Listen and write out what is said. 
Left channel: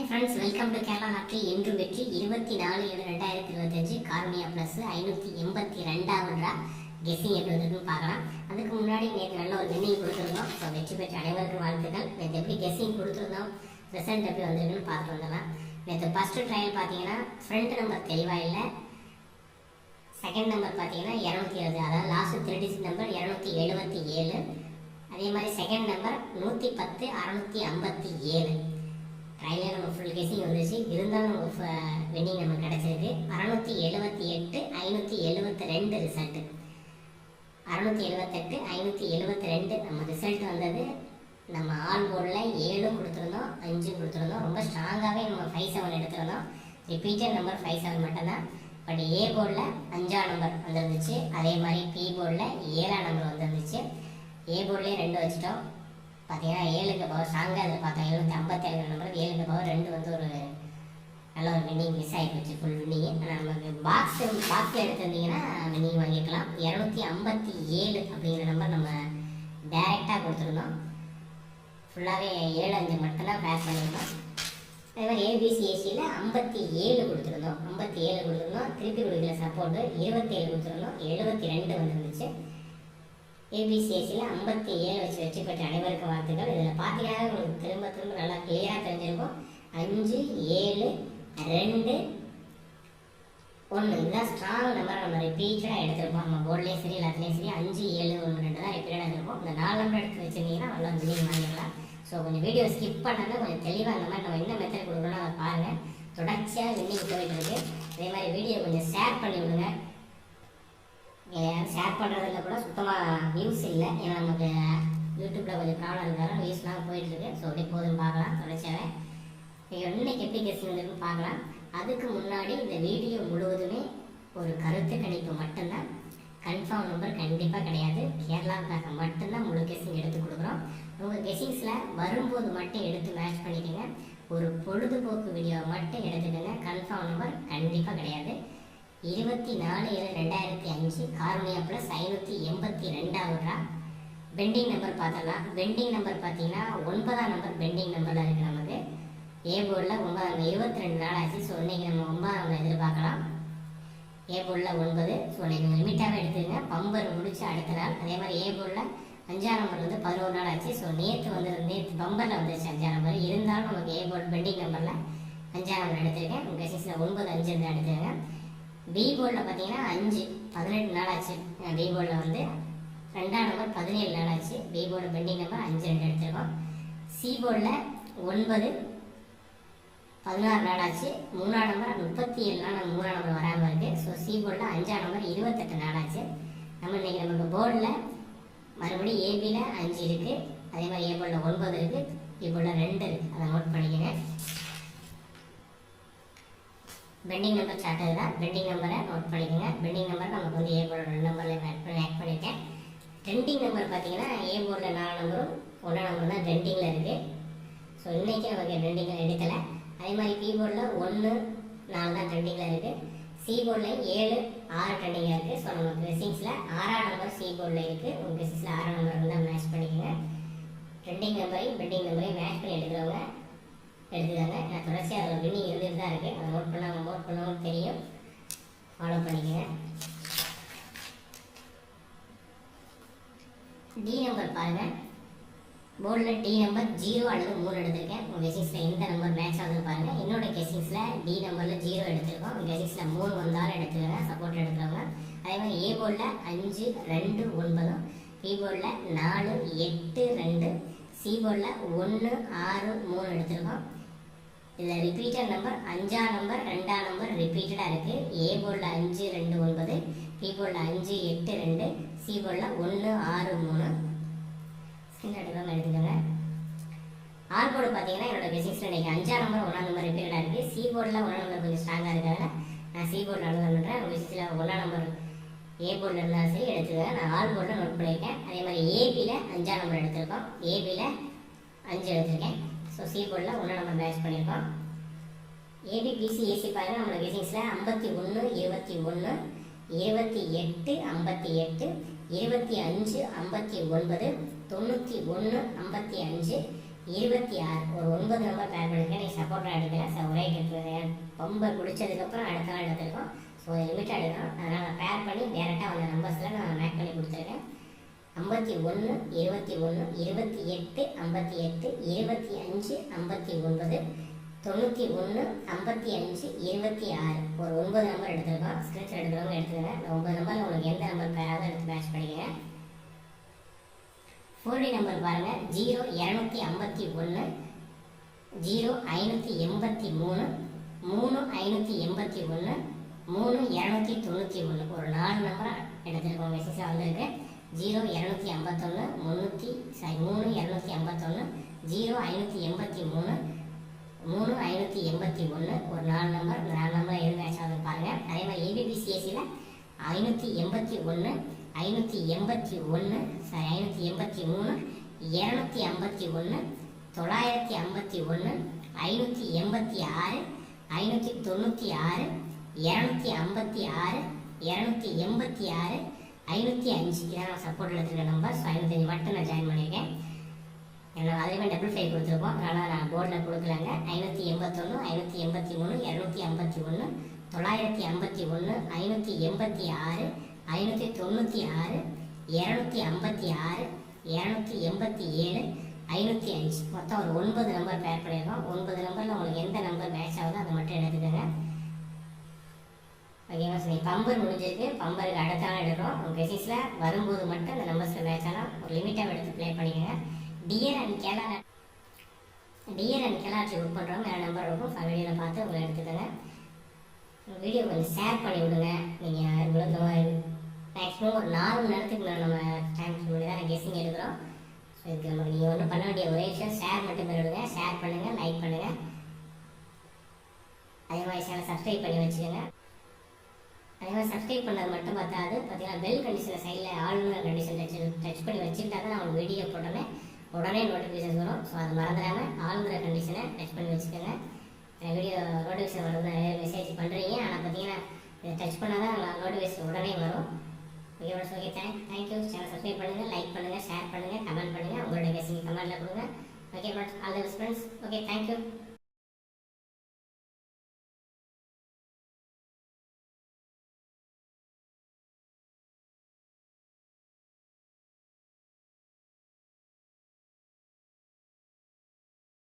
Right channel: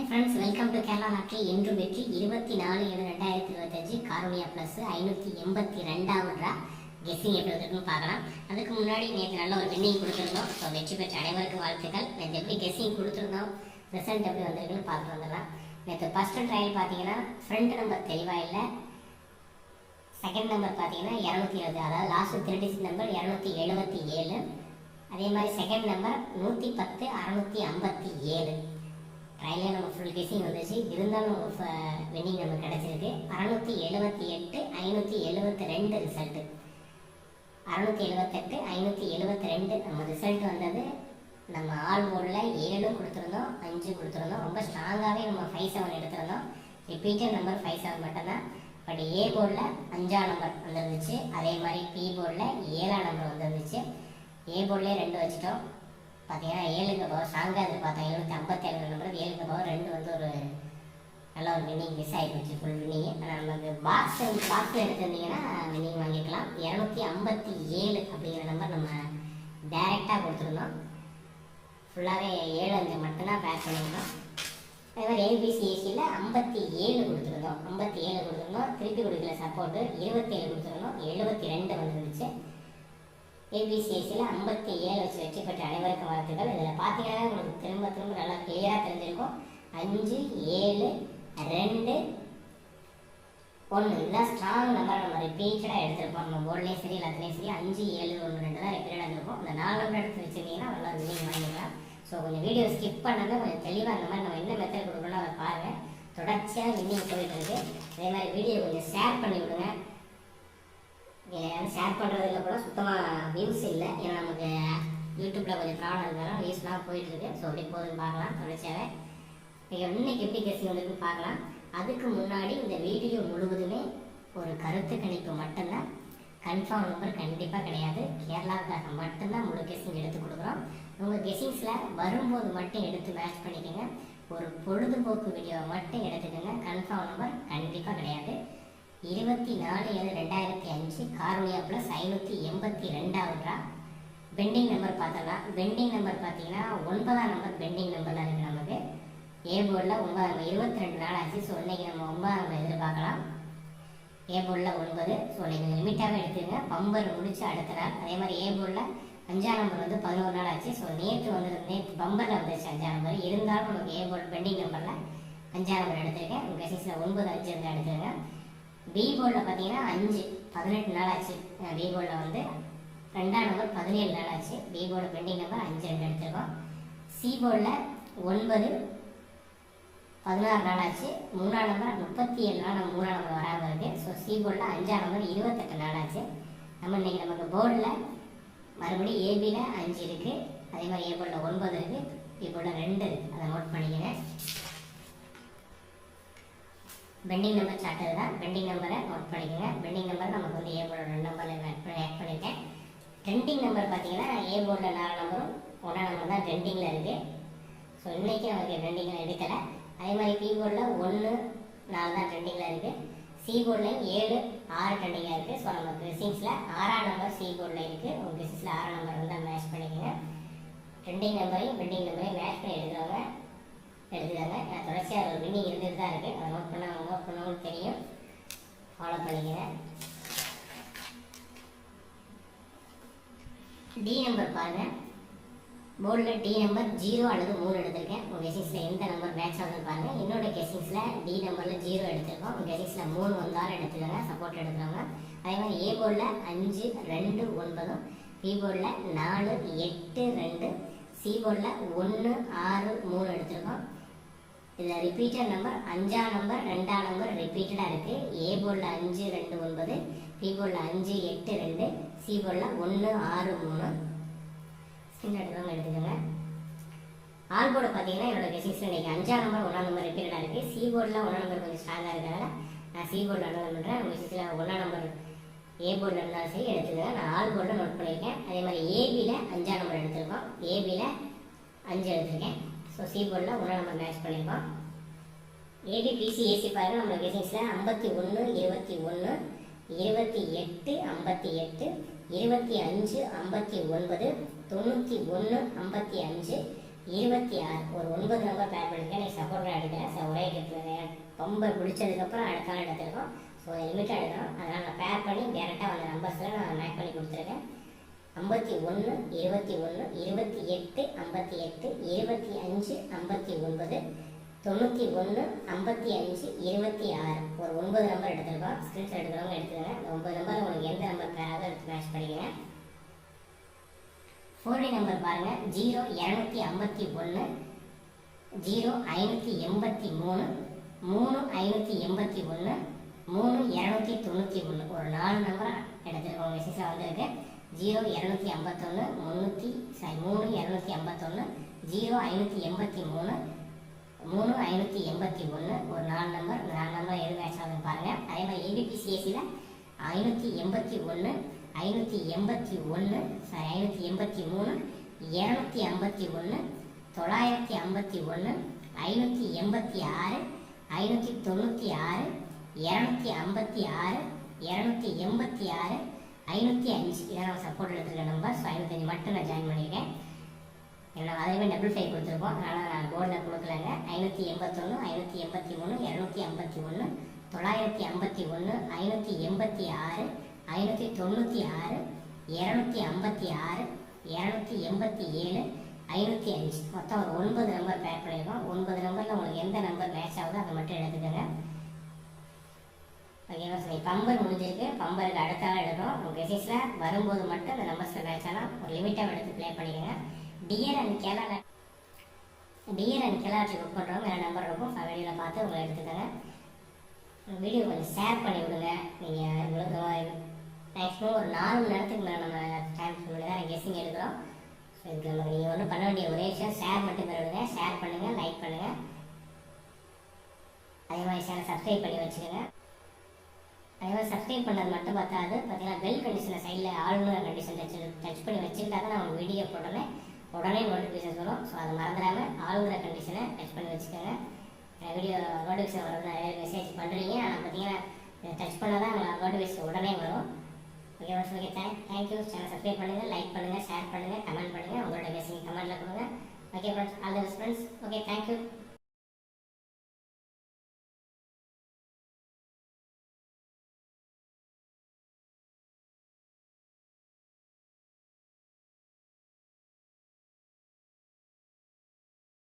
Hi friends welcome to Kerala lottery என்றும் வெற்றி. இருபத்தி நாலு ஏழு ரெண்டாயிரத்தி இருபத்தஞ்சு காரணியா ப்ளஸ் ஐநூற்றி எண்பத்தி ரெண்டாவது கெஸ்ஸிங் எப்படி வந்திருக்குன்னு பார்க்கலாம். அதுக்கு முன்னாடி நேற்று நல்ல ஒரு வின்னிங் கொடுத்துருந்தோம். இப்போ வெற்றி பெற்ற அனைவருக்கும் வாழ்த்துக்கள். நேற்று எப்படி கெஸ்ஸிங் கொடுத்துருந்தோம்? ரிசல்ட் எப்படி வந்திருக்குன்னு பார்த்துட்டு வந்துடலாம். நேற்று ஃபஸ்ட்டு ட்ரையல் பார்த்தீங்கன்னா ஃப்ரண்ட் நம்பர் தெளிவாக இல்லை. செகண்ட் நம்பர் பார்த்தீங்கன்னா இரநூத்தி இருபது. அதாவது லாஸ்ட்டு த்ரீ நம்பர் இரநூத்தி எழுபத்தி ஏழு. அதே மாதிரி செகண்ட் நம்பர் நூற்றி பத்து அறநூற்றி ஐம்பத்தி ஏழு. ட்ரையலில் நம்ம ஃபுல் கேஸிங் வந்துச்சு இருந்தாலும் நமக்கு வின்னிங் நமக்கு கிடச்சிருக்கு. அறநூற்றி எழுபத்தி எட்டு ஐநூற்றி எழுபத்தி ரெண்டு ரிசல்ட்டு அறநூற்றி எழுபத்தெட்டு ஐநூற்றி எழுபத்தி ரெண்டு நம்ம ரிசல்ட் வந்தது. நம்ம ஆல் போர்டில் ஏழும் கொடுத்துருந்தோம். அஞ்சும் கொடுத்துருந்தோம். ரொம்ப ஸ்ட்ராங்காகவே நம்ம ஃபைவ் செவன் எடுத்திருந்தோம். ரிப்பீட்டட் நம்பர் ஃபைவ் செவன் மட்டும்தான். பட் ஏ போர்டில் அஞ்சாம் நம்பர் வந்துருந்துச்சு. அதே மாதிரி பி போர்டில் ஏழாம் நம்பர் வந்துருந்துச்சு. ஏ போர்டிலே ரெண்டு வச்சுட்டோம். பார்த்தீங்கன்னா ஏழுக்கு பவர் ஸ்ட்ராங்காக எதிர்பார்த்தோம் எழுநூற்றி ஐம்பத்தேழு நம்பர் ஏழுக்கு பவர் ரெண்டு வந்து ஒரு நல்ல ஒரு வின்னிங் மிஸ் ஆகி போச்சு ஃபுல் வின்னிங் ஆனால் நமக்கு பாக்ஸ் பாக்ஸில் எடுத்திருந்தீங்கன்னா வின்னிங் வாங்கிக்கலாம் இரநூத்தி ஐம்பத்தி ஏழு அப்படிங்கிற நம்பர் நம்ம டைரெக்டாக கொடுத்துருந்தோம் ஃபுல்லாகவே ஏழு அஞ்சு மட்டும்தான் பேக் பண்ணியிருந்தோம். அதே மாதிரி ஏசியில் ஐம்பத்தி ஏழு கொடுத்துருந்தோம். ஐம்பத்தி ஏழு கொடுத்துருந்தோம். திருப்பி கொடுக்கல சப்போர்ட்டு இருபத்தி ஏழு கொடுத்துருந்தோம். எழுபத்தி ரெண்டு வந்துருந்துச்சு. ஏபிசிஎஸ்சியில் ஐம்பத்தி ஏழு வச்சு வெற்றி பெற்ற அனைவருக்கும் வாழ்த்துக்கள். இதில் பார்த்தீங்கன்னா உங்களுக்கு திரும்ப திரும்ப நல்லா கிளியராக தெரிஞ்சிருக்கும். அஞ்சு ஏழு ரெண்டு ஒன்று இதுதான் ஸ்ட்ராங் நம்பர் நம்ம ரிப்பீட்டடாக எடுத்திருப்போம். நம்ம போர்ட்லேயும் சரி எல்லாத்துலேயும் சரி. அஞ்சு ஏழு ஒன்று ரெண்டு தான் ரிப்பீட்டடாக எடுத்திருப்போம். இந்த நாலு நம்பர் எடுத்து வச்சிருந்தீங்கன்னா நல்லா வின்னிங் வாங்கிடலாம் ஸோ கொஞ்சம் வீடியோ ஸ்கிப் பண்ணாமல் கொஞ்சம் தெளிவாக இந்த மாதிரி நம்ம என்ன மெத்தட் கொடுக்கணும் அதை பாருங்கள் தொடர்ச்சியாக வின்னிங் போயிட்டு இருக்குது அதே மாதிரி வீடியோ கொஞ்சம் ஷேர் பண்ணி விடுங்க. இதில் யாரும் ஷேர் பண்ணுறதுல கூட சுத்தமாக வியூஸ் இல்லை. ஏன்னா நமக்கு யூடியூப்பில் கொஞ்சம் ப்ராப்ளம் இருந்தாலும் வியூஸ்லாம் போயிட்டுருக்கு. ஸோ அப்படியே போதுன்னு பார்க்கலாம் தொடர்ச்சியாகவே. நீங்கள் இன்னைக்கு எப்படி கேஸ் வந்திருக்குன்னு பார்க்கலாம். அதுக்கு முன்னாடி இந்த வீடியோ முழுவதுமே ஒரு கருத்து கணிப்பு மட்டும்தான். கன்ஃபார்ம் நம்பர் கண்டிப்பாக கிடையாது. கேரளாவுக்காக மட்டும்தான் முழு கெஸிங் எடுத்து கொடுக்குறோம். உங்கள் கெஸ்டிங்ஸில் வரும்போது மட்டும் எடுத்து மேட்ச் பண்ணிக்கோங்க. ஒரு பொழுதுபோக்கு வீடியோவை மட்டும் எடுத்துக்கோங்க. கன்ஃபார்ம் நம்பர் கண்டிப்பாக கிடையாது. இருபத்தி நாலு ஏழு ரெண்டாயிரத்தி அஞ்சு கார்னியா ப்ளஸ் ஐநூற்றி எண்பத்தி ரெண்டாவதுரா பெண்டிங் நம்பர் பார்த்தலாம் பெண்டிங் நம்பர் பார்த்தீங்கன்னா ஒன்பதாம் நம்பர் பெண்டிங் நம்பரில் இருக்குது நமக்கு. ஏ போர்டில் ஒன்பதாம் இருபத்தி ரெண்டு நாள் ஆச்சு ஸோ இன்றைக்கி நம்ம ஒன்பதாம் நம்ம எதிர்பார்க்கலாம். ஏ போர்டில் ஒன்பது. ஸோ நீங்கள் லிமிட்டாகவே எடுத்துங்க பம்பர் முடிச்சு அடுத்த நாள். அதே மாதிரி ஏ போர்டில் அஞ்சாம் நம்பர் வந்து பதினோரு நாள் ஆச்சு ஸோ நேற்று வந்து நேற்று பம்பரில் வந்துருச்சு அஞ்சாம் நம்பர் இருந்தாலும் நமக்கு ஏ போர்டு பெண்டிங் நம்பரில் அஞ்சாம் நம்பர் எடுத்திருக்கேன். உங்கள் கசிஸில் ஒன்பது அஞ்சு வந்து எடுத்துருங்க பி போர்டில் பார்த்தீங்கன்னா அஞ்சு பதினெட்டு நாள் ஆச்சு பி போர்டில் வந்து ரெண்டாம் நம்பர் பதினேழு நாள் ஆச்சு பி போர்டு பெண்டிங் நம்பர் அஞ்சு ரெண்டு எடுத்திருக்கோம். சி போர்டில் ஒன்பது பதினாறு நாள் ஆச்சு மூணாம் நம்பர் முப்பத்தி ஏழு நாள் நம்ம மூணாம் நம்பர் வராமல் இருக்குது ஸோ சி போர்டில் அஞ்சாம் நம்பர் இருபத்தெட்டு நாள் ஆச்சு நம்ம இன்றைக்கி நமக்கு போர்டில் மறுபடியும் ஏபியில் அஞ்சு இருக்குது அதே மாதிரி ஏ போர்டில் ஒன்பது இருக்குது பி போர்டில் ரெண்டு இருக்குது அதை நோட் பண்ணிக்கிறேன் பெண்டிங் நம்பர் சார்ட்டது தான் பெண்டிங் நம்பரை நோட் பண்ணிக்கோங்க. பெண்டிங் நம்பர் நமக்கு வந்து ஏ போர்டில் ரெண்டு நம்பரில் ஆட் பண்ணி ஆட் பண்ணியிருக்கேன் ட்ரெண்டிங் நம்பர் பார்த்தீங்கன்னா ஏ போர்டில் நாலு நம்பரும் ஒன்றாம் நம்பர் தான் ட்ரெண்டிங்கில் இருக்குது ஸோ இன்றைக்கி நமக்கு ட்ரெண்டிங்கில் எடுக்கலை. அதே மாதிரி பி போர்டில் ஒன்று நாலு தான் ட்ரெண்டிங்கில் இருக்குது சி போர்டில் ஏழு ஆறு ட்ரெண்டிங்காக இருக்குது ஸோ நம்ம ட்ரெஸ்ஸிங்ஸில் ஆறாம் நம்பர் சி போர்டில் இருக்குது உங்கள் ட்ரெஸ்ஸில் ஆறாம் நம்பர் வந்து மேட்ச் பண்ணிக்கோங்க. ட்ரெண்டிங் நம்பரையும் பெண்டிங் நம்பரையும் மேட்ச் பண்ணி எடுக்கிறவங்க எடுத்துக்காங்க. நான் தொடர்ச்சியாக ஒரு வின்னிங் இருந்துட்டு தான் இருக்குது அதை நோட் பண்ணால் நோட் தெரியும். ஃபாலோ பண்ணிக்கிறேன் டி நம்பர் பாருங்கள் போர்டில் டி நம்பர் ஜீரோ அல்லது மூணு எடுத்திருக்கேன். உங்கள் கெசிங்ஸில் எந்த நம்பர் மேட்ச் ஆகுதுன்னு பாருங்கள் என்னோட கெசிங்ஸில் டி நம்பரில் ஜீரோ எடுத்திருக்கோம். உங்கள் கெசிங்ஸில் மூணு வந்தாலும் எடுத்துக்கோங்க. சப்போர்ட் எடுக்கிறவங்க. அதே மாதிரி ஏ போர்டில் அஞ்சு ரெண்டு ஒன்பதும் பி போர்டில் நாலு எட்டு ரெண்டு சி போர்டில் ஒன்று ஆறு மூணு எடுத்திருக்கோம். இதில் ரிப்பீட்டர் நம்பர் அஞ்சாம் நம்பர் ரெண்டாம் நம்பர் ரிப்பீட்டடாக இருக்குது ஏ போர்டில் அஞ்சு ரெண்டு ஒன்பது. பி போர்டில் அஞ்சு எட்டு ரெண்டு. சி போர்டில் ஒன்று ஆறு மூணு. ஸ்கிரீன் எடுக்கிறவங்க எடுத்துக்கோங்க. ஆல் போர்டு பார்த்தீங்கன்னா என்னோட பிசிக்ஸ் இன்றைக்கி அஞ்சாம் நம்பர் ஒன்றாம் நம்பர் ரிப்பீட்டடாக இருக்குது சி போர்டில் ஒன்றாம் நம்பர் கொஞ்சம் ஸ்ட்ராங்காக இருக்கிறதால நான் சி போர்டில் அனுகல் பண்ணுறேன் உங்கள் விஷயத்தில் ஒன்றாம் நம்பர் ஏ போர்டில் இருந்தாலும் சரி எடுத்துக்கோங்க. நான் ஆல் போர்டில் நோட் பண்ணியிருக்கேன். அதே மாதிரி ஏபியில் அஞ்சாம் நம்பர் எடுத்திருக்கோம். ஏபியில் அஞ்சு எடுத்திருக்கேன். ஸோ சி போர்டில் ஒன்றாம் நம்பர் மேட்ச் பண்ணியிருக்கோம். A B B C A C பாருங்க. நம்மளோட கெசிங்ஸில் ஐம்பத்தி ஒன்று இருபத்தி ஒன்று இருபத்தி எட்டு ஐம்பத்தி எட்டு இருபத்தி அஞ்சு ஐம்பத்தி ஒன்பது தொண்ணூற்றி ஒன்று ஐம்பத்தி அஞ்சு இருபத்தி ஆறு. ஒரு ஒன்பது நம்பர் பேர் பண்ணிருக்கேன். நீ சப்போர்ட்டாக எடுக்கிறேன் ஸோ ஒரே கட்டுறேன் பம்பர் பிடிச்சதுக்கப்புறம் அடுத்த நாள் எடுத்திருக்கோம். ஸோ லிமிட்டாக எடுக்கிறோம் அதனால் நான் பேர் பண்ணி டேரெக்டாக அந்த நம்பர்ஸில் நான் மேக் பண்ணி கொடுத்துருக்கேன். ஐம்பத்தி ஒன்று இருபத்தி ஒன்று இருபத்தி எட்டு ஐம்பத்தி எட்டு இருபத்தி அஞ்சு ஐம்பத்தி ஒன்பது தொண்ணூற்றி ஒன்று ஐம்பத்தி அஞ்சு இருபத்தி ஆறு. ஒரு ஒன்பது நம்பர் எடுத்துருக்கோம். ஸ்க்ரீன்ஷாட் எடுக்கிறவங்க எடுத்துக்கோங்க. இந்த ஒன்பது நம்பர் உங்களுக்கு எந்த நம்பர் பேராக எடுத்து மேட்ச் பண்ணிக்கோங்க. ஃபோர்டி நம்பர் பாருங்கள் ஜீரோ இரநூத்தி ஐம்பத்தி ஒன்று ஜீரோ ஐநூற்றி எண்பத்தி மூணு மூணு ஐநூற்றி எண்பத்தி ஒன்று மூணு இரநூத்தி தொண்ணூற்றி ஒன்று ஒரு நாலு நம்பராக எடுத்துருக்கோம். மெசேஜாக வந்திருக்கு. ஜீரோ இரநூத்தி ஐம்பத்தொன்று முந்நூற்றி சாரி மூணு இரநூத்தி ஐம்பத்தொன்று ஜீரோ ஐநூற்றி எண்பத்தி மூணு மூணு ஐநூற்றி எண்பத்தி ஒன்று ஒரு நாலு நம்பர் இந்த நாலு நம்பர் எது மேட்ச் ஆகுதுன்னு பாருங்கள் அதே மாதிரி ஏபிபிசிஎஸ்சியில் ஐநூற்றி எண்பத்தி ஒன்று ஐநூற்றி எண்பத்தி ஒன்று சாரி ஐநூற்றி எண்பத்தி மூணு இரநூத்தி ஐம்பத்தி ஒன்று தொள்ளாயிரத்தி ஐம்பத்தி ஒன்று ஐநூற்றி எண்பத்தி ஆறு ஐநூற்றி தொண்ணூற்றி ஆறு இரநூத்தி ஐம்பத்தி ஆறு இரநூத்தி எண்பத்தி ஆறு ஐநூற்றி அஞ்சு. இதான் நான் சப்போர்ட் எடுத்துருக்க நம்பர் ஸோ ஐநூத்தஞ்சு மட்டும் நான் ஜாயின் பண்ணியிருக்கேன். என்னோட அதுலேயுமே டபுள் ஃபைவ் கொடுத்துருக்கோம். அதனால் நான் போர்டில் கொடுக்கலங்க. ஐநூற்றி எண்பத்தொன்று ஐநூற்றி எண்பத்தி மூணு இரநூத்தி ஐம்பத்தி ஒன்று தொள்ளாயிரத்தி ஐம்பத்தி ஒன்று ஐநூற்றி எண்பத்தி ஆறு ஐநூற்றி தொண்ணூற்றி ஆறு இரநூத்தி ஐம்பத்தி ஆறு இரநூத்தி எண்பத்தி ஏழு ஐநூற்றி அஞ்சு. மொத்தம் ஒரு ஒன்பது நம்பர் பேர் பண்ணியிருக்கோம். ஒன்பது நம்பரில் உங்களுக்கு எந்த நம்பர் மேட்ச் ஆகுதோ அதை மட்டும் எடுத்துக்கோங்க. ஓகேவா சரி. பம்பர் முடிஞ்சிருக்கு. பம்பருக்கு அடுத்த நாள் எடுக்கிறோம். உங்கள் கெசிஸில் வரும்போது மட்டும் இந்த நம்பர்ஸில் மேட்ச் ஆனால் ஒரு லிமிட்டாக எடுத்து ப்ளே பண்ணிக்கோங்க. டியர் அண்ட் கேலா டியர் அண்ட் கெலாட்ரி புக் பண்ணுறவங்க வேறு நம்பர் இருக்கும். வீடியோவில் பார்த்து உங்களை எடுத்துக்கோங்க. வீடியோ கொஞ்சம் ஷேர் பண்ணி விடுங்க. நீங்கள் உங்களுக்கு மேக்ஸிமம் ஒரு நாலு மணி நேரத்துக்கு மேலே நம்ம டைம் பண்ணி தான் கெஸ்ஸிங் எடுக்கிறோம். ஸோ இதுக்கு நமக்கு நீங்கள் ஒன்றும் பண்ண வேண்டிய ஒரே விஷயம் ஷேர் மட்டும் பண்ணிவிடுங்க ஷேர் பண்ணுங்கள் லைக் பண்ணுங்கள் அதே மாதிரி சேனல் சப்ஸ்கிரைப் பண்ணி வச்சுக்கோங்க. அதே மாதிரி சப்ஸ்கிரைப் பண்ணது மட்டும் பார்த்தாது. பார்த்தீங்கன்னா பெல் கண்டிஷனை சைடில் ஆளுநர் கண்டிஷன் டச் டச் பண்ணி வச்சுக்கிட்டா தான் நான் உங்களுக்கு வீடியோ போட்டோன்னே உடனே நோட்டிஃபிகேஷன் வரும். ஸோ அதை மறந்துடாமல் ஆளுங்கிற கண்டிஷனை டச் பண்ணி வச்சுக்கோங்க. வீடியோ நோட்டிஃபிகேஷன் வர்றது நிறைய மெசேஜ் பண்ணுறீங்க ஆனால் பார்த்தீங்கன்னா இதை டச் பண்ணால் தான் நோட்டிஃபிகேஷன் உடனே வரும். Okay friends okay thank thank you channel subscribe பண்ணுங்கள் லைக் பண்ணுங்கள் ஷேர் பண்ணுங்கள் கமெண்ட் பண்ணுங்கள் உங்களோட கெஸிங் கமெண்ட்டில் கொடுங்க. Okay friends all the friends okay thank you